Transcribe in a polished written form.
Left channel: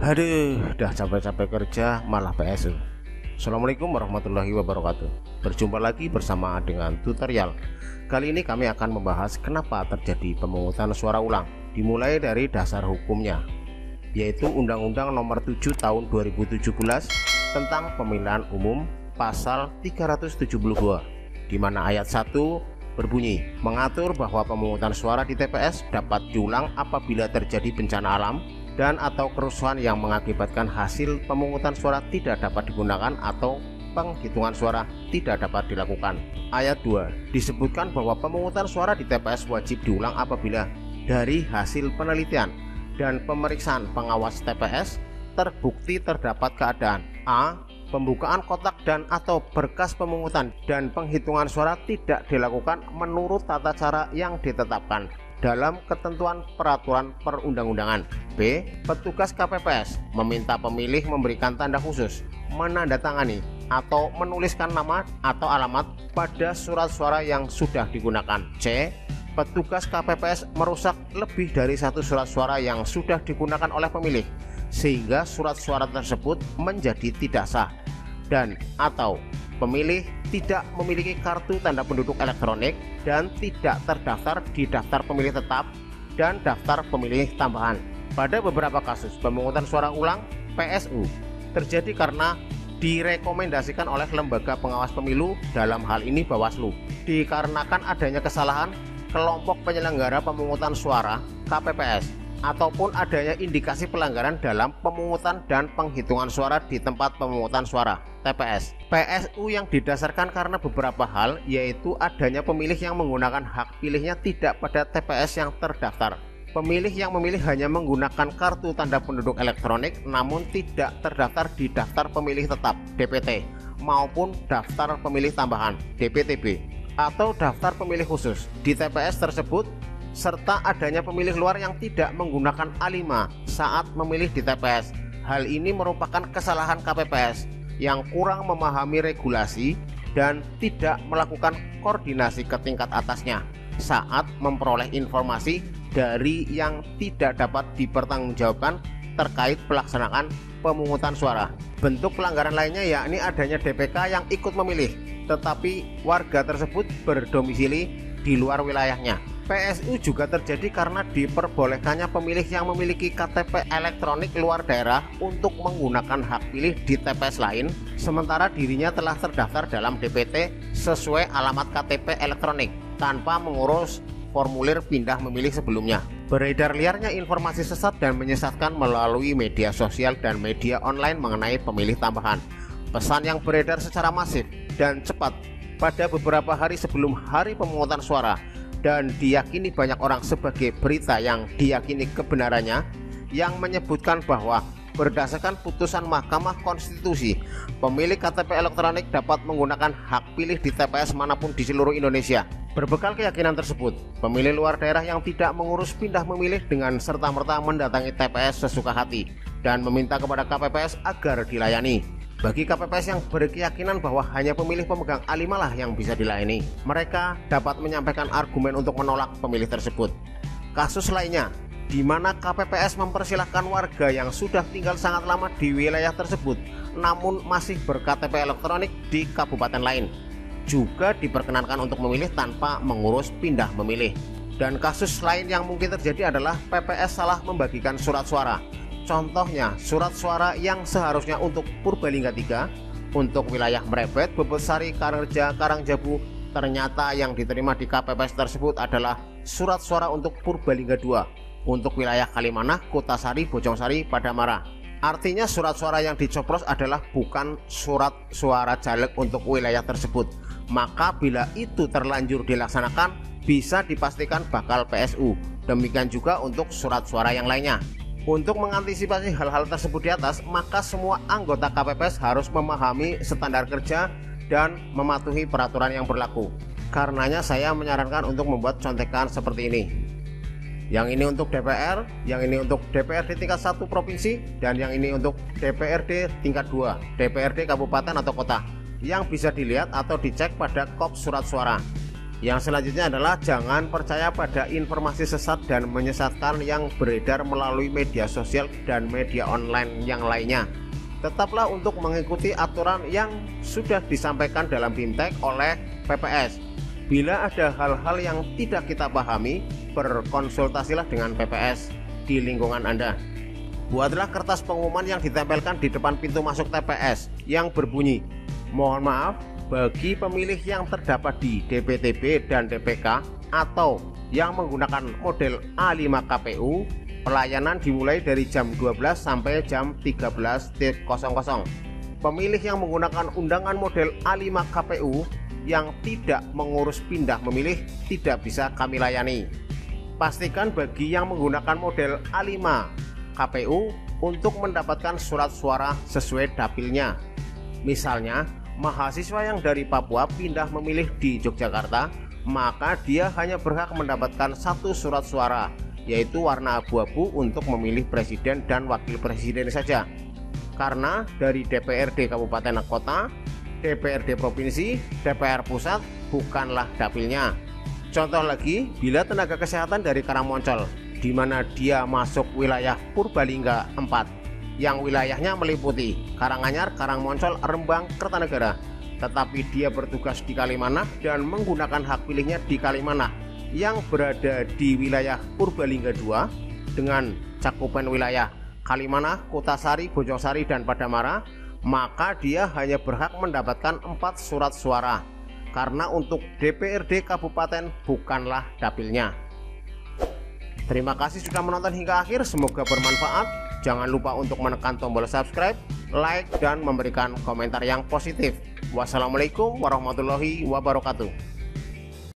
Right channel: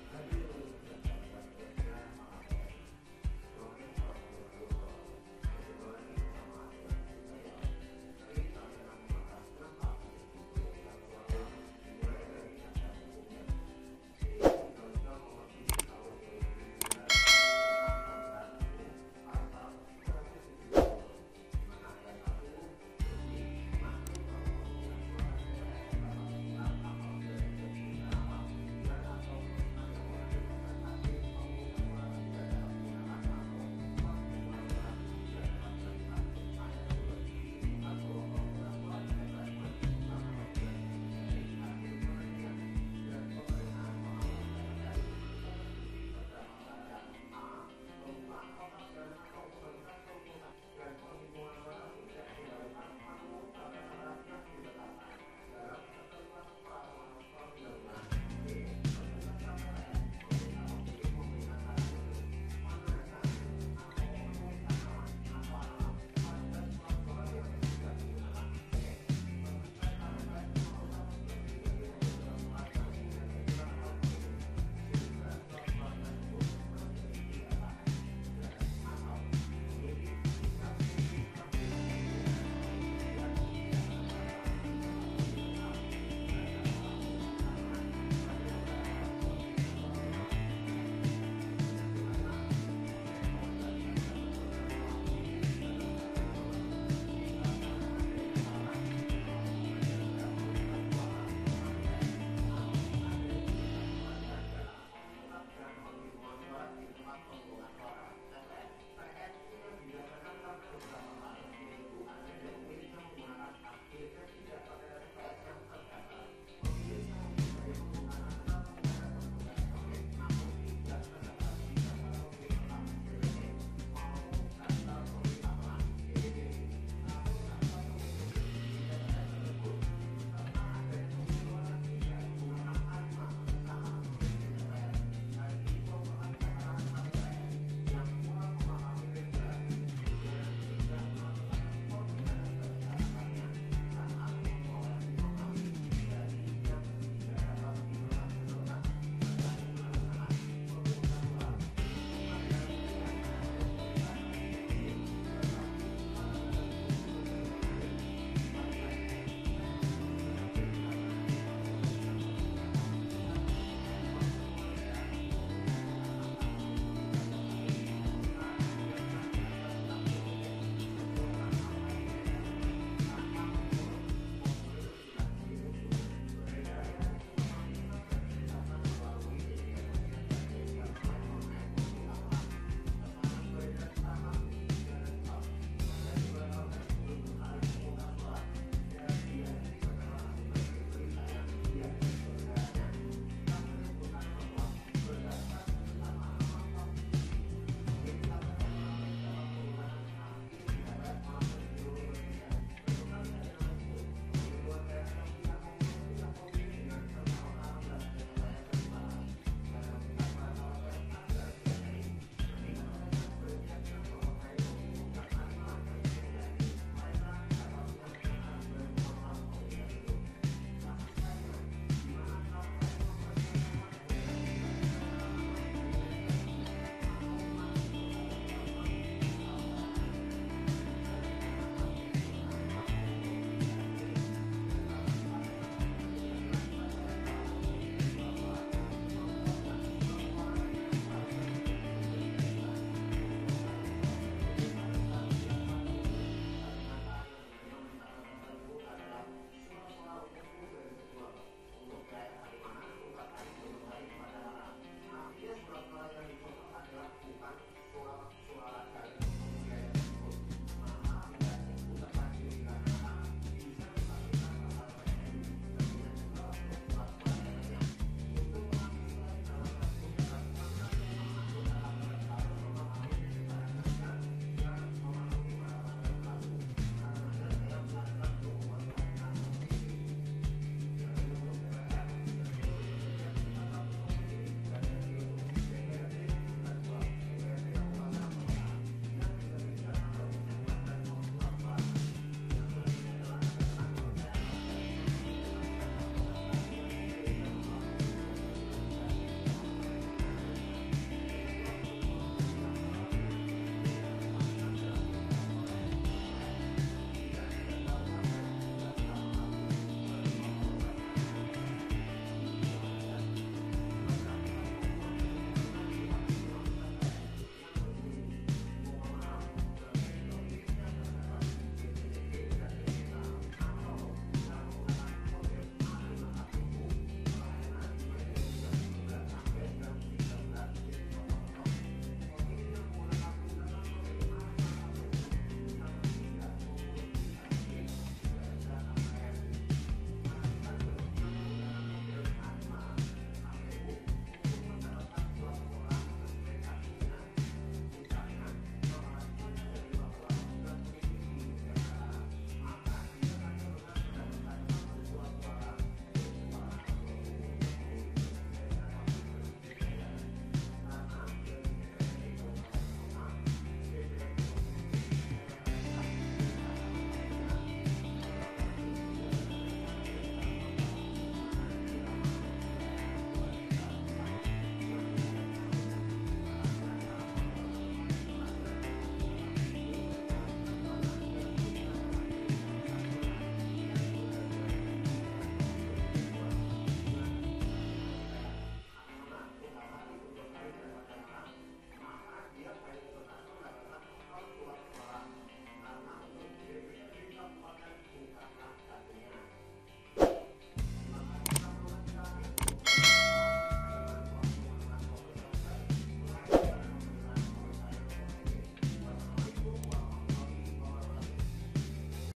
Aduh, udah capek-capek kerja malah PSU. Assalamualaikum warahmatullahi wabarakatuh. Berjumpa lagi bersama dengan tutorial. Kali ini kami akan membahas kenapa terjadi pemungutan suara ulang. Dimulai dari dasar hukumnya, yaitu Undang-Undang Nomor 7 Tahun 2017 tentang Pemilihan Umum Pasal 372, di mana ayat 1 berbunyi mengatur bahwa pemungutan suara di TPS dapat diulang apabila terjadi bencana alam dan atau kerusuhan yang mengakibatkan hasil pemungutan suara tidak dapat digunakan atau penghitungan suara tidak dapat dilakukan. Ayat 2 disebutkan bahwa pemungutan suara di TPS wajib diulang apabila dari hasil penelitian dan pemeriksaan pengawas TPS terbukti terdapat keadaan A. Pembukaan kotak dan atau berkas pemungutan dan penghitungan suara tidak dilakukan menurut tata cara yang ditetapkan dalam ketentuan peraturan perundang-undangan. B. Petugas KPPS meminta pemilih memberikan tanda khusus, menandatangani atau menuliskan nama atau alamat pada surat suara yang sudah digunakan. C. Petugas KPPS merusak lebih dari satu surat suara yang sudah digunakan oleh pemilih sehingga surat suara tersebut menjadi tidak sah, dan atau pemilih tidak memiliki kartu tanda penduduk elektronik dan tidak terdaftar di daftar pemilih tetap dan daftar pemilih tambahan. Pada beberapa kasus pemungutan suara ulang PSU terjadi karena direkomendasikan oleh lembaga pengawas pemilu, dalam hal ini Bawaslu, dikarenakan adanya kesalahan kelompok penyelenggara pemungutan suara KPPS ataupun adanya indikasi pelanggaran dalam pemungutan dan penghitungan suara di tempat pemungutan suara TPS. PSU yang didasarkan karena beberapa hal, yaitu adanya pemilih yang menggunakan hak pilihnya tidak pada TPS yang terdaftar, pemilih yang memilih hanya menggunakan kartu tanda penduduk elektronik namun tidak terdaftar di daftar pemilih tetap DPT maupun daftar pemilih tambahan DPTB atau daftar pemilih khusus di TPS tersebut, serta adanya pemilih luar yang tidak menggunakan A5 saat memilih di TPS. Hal ini merupakan kesalahan KPPS yang kurang memahami regulasi dan tidak melakukan koordinasi ke tingkat atasnya saat memperoleh informasi dari yang tidak dapat dipertanggungjawabkan terkait pelaksanaan pemungutan suara. Bentuk pelanggaran lainnya yakni adanya DPK yang ikut memilih tetapi warga tersebut berdomisili di luar wilayahnya. PSU juga terjadi karena diperbolehkannya pemilih yang memiliki KTP elektronik luar daerah untuk menggunakan hak pilih di TPS lain, sementara dirinya telah terdaftar dalam DPT sesuai alamat KTP elektronik tanpa mengurus formulir pindah memilih sebelumnya. Beredar liarnya informasi sesat dan menyesatkan melalui media sosial dan media online mengenai pemilih tambahan. Pesan yang beredar secara masif dan cepat pada beberapa hari sebelum hari pemungutan suara dan diyakini banyak orang sebagai berita yang diyakini kebenarannya, yang menyebutkan bahwa berdasarkan putusan Mahkamah Konstitusi, pemilik KTP elektronik dapat menggunakan hak pilih di TPS manapun di seluruh Indonesia. Berbekal keyakinan tersebut, pemilih luar daerah yang tidak mengurus pindah memilih dengan serta-merta mendatangi TPS sesuka hati dan meminta kepada KPPS agar dilayani. Bagi KPPS yang berkeyakinan bahwa hanya pemilih pemegang A5 lah yang bisa dilayani, mereka dapat menyampaikan argumen untuk menolak pemilih tersebut. Kasus lainnya, di mana KPPS mempersilahkan warga yang sudah tinggal sangat lama di wilayah tersebut namun masih ber-KTP elektronik di kabupaten lain, juga diperkenankan untuk memilih tanpa mengurus pindah memilih. Dan kasus lain yang mungkin terjadi adalah PPS salah membagikan surat suara. Contohnya, surat suara yang seharusnya untuk Purbalingga 3 untuk wilayah Mrebet, Bebesari, Karangreja, Karangjabu, ternyata yang diterima di KPPS tersebut adalah surat suara untuk Purbalingga 2 untuk wilayah Kalimanah, Kutasari, Bojongsari, Padamara. Artinya surat suara yang dicoblos adalah bukan surat suara caleg untuk wilayah tersebut. Maka bila itu terlanjur dilaksanakan, bisa dipastikan bakal PSU. Demikian juga untuk surat suara yang lainnya. Untuk mengantisipasi hal-hal tersebut di atas, maka semua anggota KPPS harus memahami standar kerja dan mematuhi peraturan yang berlaku. Karenanya saya menyarankan untuk membuat contekan seperti ini. Yang ini untuk DPR, yang ini untuk DPRD tingkat 1 provinsi, dan yang ini untuk DPRD tingkat 2, DPRD kabupaten atau kota, yang bisa dilihat atau dicek pada kop surat suara. Yang selanjutnya adalah jangan percaya pada informasi sesat dan menyesatkan yang beredar melalui media sosial dan media online yang lainnya. Tetaplah untuk mengikuti aturan yang sudah disampaikan dalam BIMTEK oleh PPS. Bila ada hal-hal yang tidak kita pahami, berkonsultasilah dengan PPS di lingkungan Anda. Buatlah kertas pengumuman yang ditempelkan di depan pintu masuk TPS yang berbunyi, "Mohon maaf, bagi pemilih yang terdapat di DPTB dan DPK atau yang menggunakan model A5 KPU, pelayanan dimulai dari jam 12 sampai jam 13.00. Pemilih yang menggunakan undangan model A5 KPU yang tidak mengurus pindah memilih tidak bisa kami layani." Pastikan bagi yang menggunakan model A5 KPU untuk mendapatkan surat suara sesuai dapilnya. Misalnya, mahasiswa yang dari Papua pindah memilih di Yogyakarta, maka dia hanya berhak mendapatkan satu surat suara, yaitu warna abu-abu untuk memilih presiden dan wakil presiden saja. Karena dari DPRD Kabupaten dan Kota, DPRD Provinsi, DPR Pusat bukanlah dapilnya. Contoh lagi, bila tenaga kesehatan dari Karangmoncol, di mana dia masuk wilayah Purbalingga 4, yang wilayahnya meliputi Karanganyar, Karangmoncol, Rembang, Kertanegara, tetapi dia bertugas di Kalimanah dan menggunakan hak pilihnya di Kalimanah yang berada di wilayah Purbalingga 2 dengan cakupan wilayah Kalimanah, Kutasari, Bojongsari, dan Padamara, maka dia hanya berhak mendapatkan 4 surat suara karena untuk DPRD Kabupaten bukanlah dapilnya. Terima kasih sudah menonton hingga akhir, semoga bermanfaat. Jangan lupa untuk menekan tombol subscribe, like, dan memberikan komentar yang positif. Wassalamualaikum warahmatullahi wabarakatuh.